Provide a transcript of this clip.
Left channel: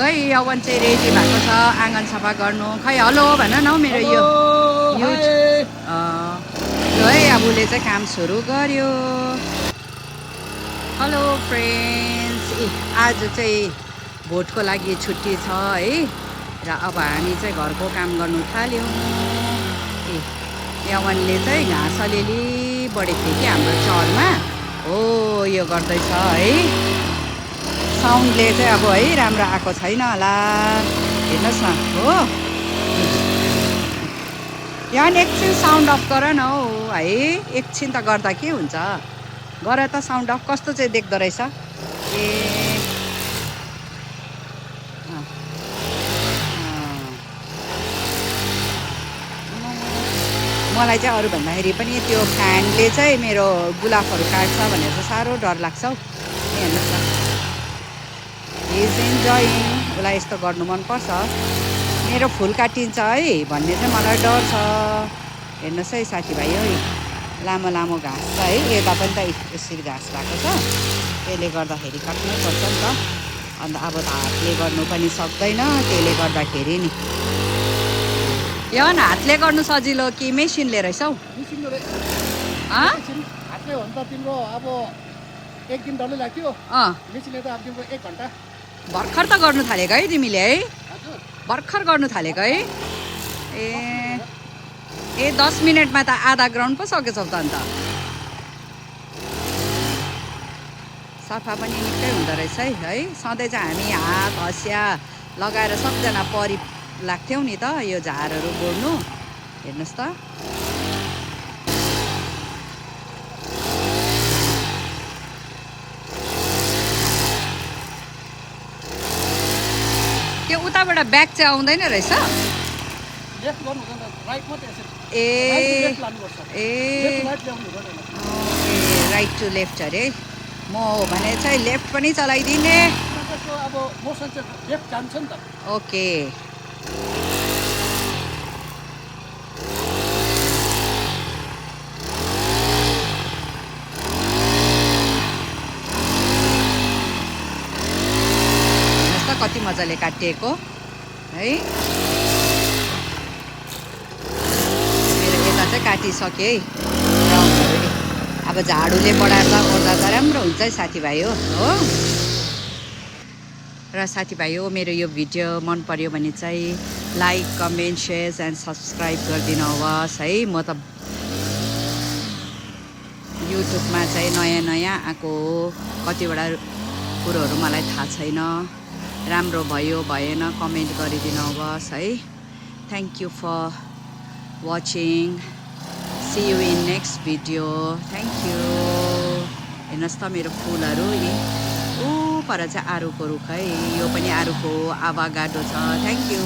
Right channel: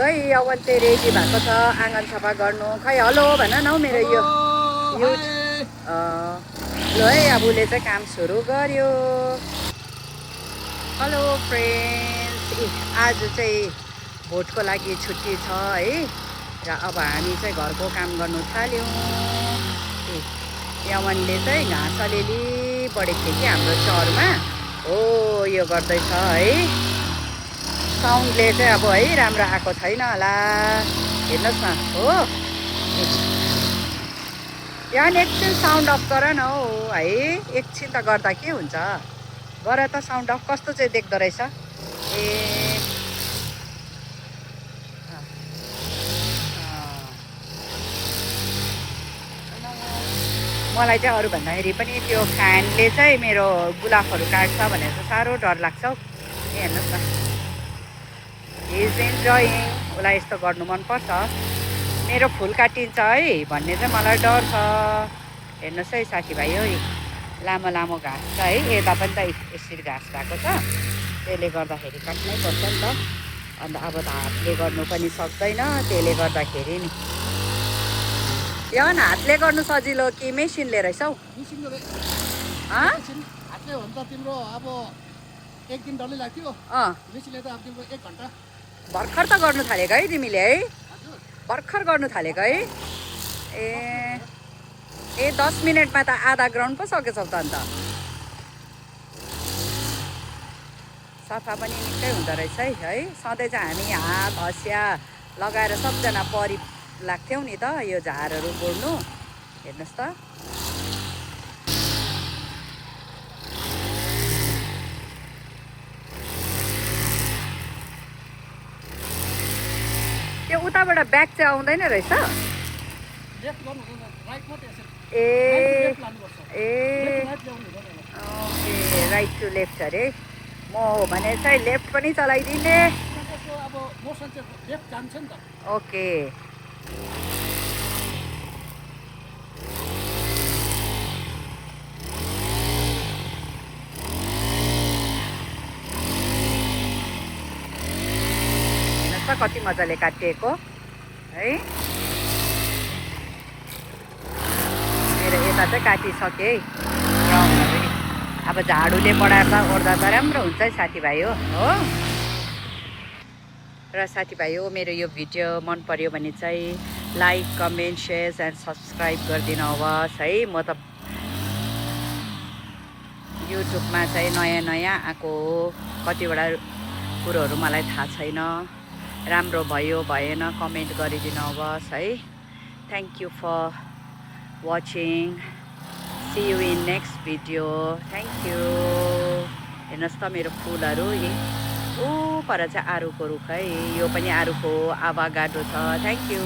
है यौवन चाहिँ रेडी भएको छ आँगन सफा गर्नु। खै हेलो भन न हौ मेरो यो है अब उसले चाहिँ काम सुरु गर्यो। हेलो फ्रेन्ड्स, आज चाहिँ भोटको लागि छुट्टी छ है र अब हामी चाहिँ घरको काम गर्नु थाल्यौँ। यौवनले चाहिँ घाँस अलिअलि बढी थियो कि हाम्रो चलमा हो यो गर्दैछ है। साउन्डले चाहिँ अब है राम्रो आएको छैन होला, हेर्नुहोस् न हो। यहाँ एकछिन साउन्ड अफ गर न हौ है, एकछिन त गर्दा के हुन्छ, गर त साउन्ड अफ। कस्तो चाहिँ देख्दो रहेछ ए। मलाई चाहिँ अरू भन्दाखेरि पनि त्यो फ्यानले चाहिँ मेरो गुलाबहरू काट्छ भनेर चाहिँ साह्रो डर लाग्छ हौ। हेर्नुहोस् न, इज इन्जोय, उसलाई यस्तो गर्नु मनपर्छ। मेरो फुल काटिन्छ है भन्ने चाहिँ मलाई डर छ। हेर्नुहोस् है साथीभाइ, है लामो लामो घाँस छ है, यता पनि त यसरी घाँस भएको छ, त्यसले गर्दाखेरि काट्नुपर्छ नि त। अन्त अब त हातले गर्नु पनि सक्दैन, त्यसले गर्दाखेरि नि। यो न हातले गर्नु सजिलो कि मेसिनले रहेछ हौ? मेसिनले हातले हो नि त तिम्रो अब एक दिन डल्लै लाग्थ्यो, मेसिनले त अब तिम्रो 1 घन्टा। भर्खर त गर्नु थालेको है तिमीले है? भर्खर गर्नु थालेको है? ए 10 मिनटमा त आधा ग्राउन्ड पो सकेछौ त अन्त। सफा पनि निकै हुँदो रहेछ है। सधैँ चाहिँ हामी हात हँसिया लगाएर सबजना परि लाग्थ्यौँ नि त यो झारहरू उड्नु। हेर्नुहोस् त, त्यो उताबाट ब्याक चाहिँ आउँदैन रहेछ। लेफ्ट गर्नु हुँदैन, राइट मात्रै यसरी। ए लेफ्ट लानुपर्छ, लेफ्ट राइट ल्याउनु हुँदैन। राइट टु लेफ्ट अरे। म हो भने चाहिँ लेफ्ट पनि चलाइदिने। त्यसको अब मोसन चाहिँ लेफ्ट जान्छ नि त। ओके, कति मजाले काटिएको है। यता चाहिँ काटिसकेँ ग्राउन्डहरू। अब झाडुले बढार्दा ओर्दा त राम्रो हुन्छ है साथीभाइ हो। र साथीभाइ हो, मेरो यो भिडियो मन पर्यो भने चाहिँ like comment share and subscribe गरिदिनु होस् है। म त युट्युबमा चाहिँ नयाँ नयाँ आएको हो, कतिवटा कुरोहरू मलाई थाहा छैन। राम्रो भयो भएन कमेन्ट गरिदिनु होस् है। Thank you for watching, see you in next video. Thank you. हेर्नुहोस् त मेरो फुलहरू पर चाहिँ आरुको रुख है, यो पनि आरुको आवागाटो छ। Thank you.